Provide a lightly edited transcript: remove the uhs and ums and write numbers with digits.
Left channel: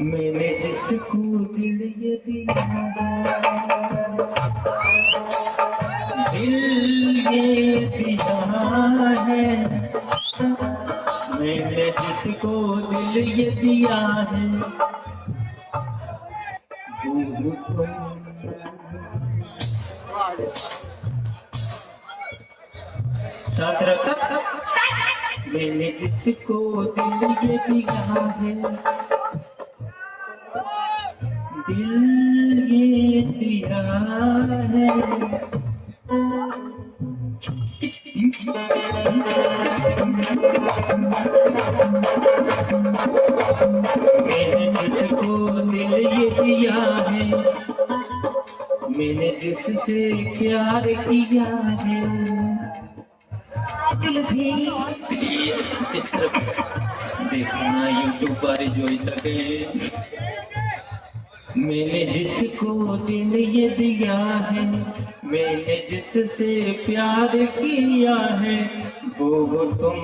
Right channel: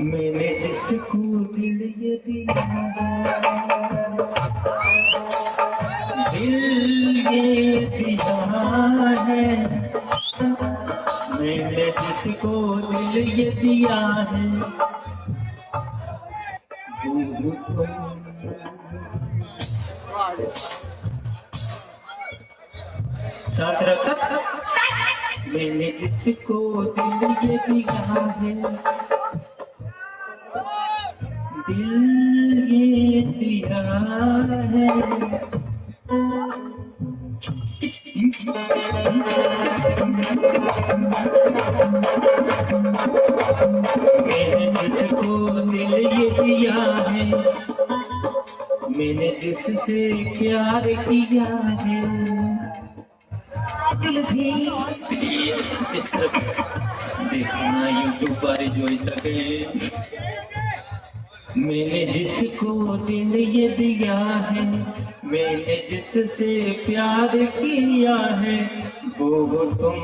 मैंने जिसको दिल ये दिया दिल ये दिया है, मैंने जिसको दिल ये दिया है साथ रखा। मैंने जिसको दिल ये दिया है, दिल ये दिया है, मैंने जिसको दिल ये दिया है, मैंने जिससे प्यार किया है। इस तरफ देखना यूट्यूब पर जो इस मैंने जिसको दिल ये दिया है, मैंने जिससे प्यार किया है, वो तुम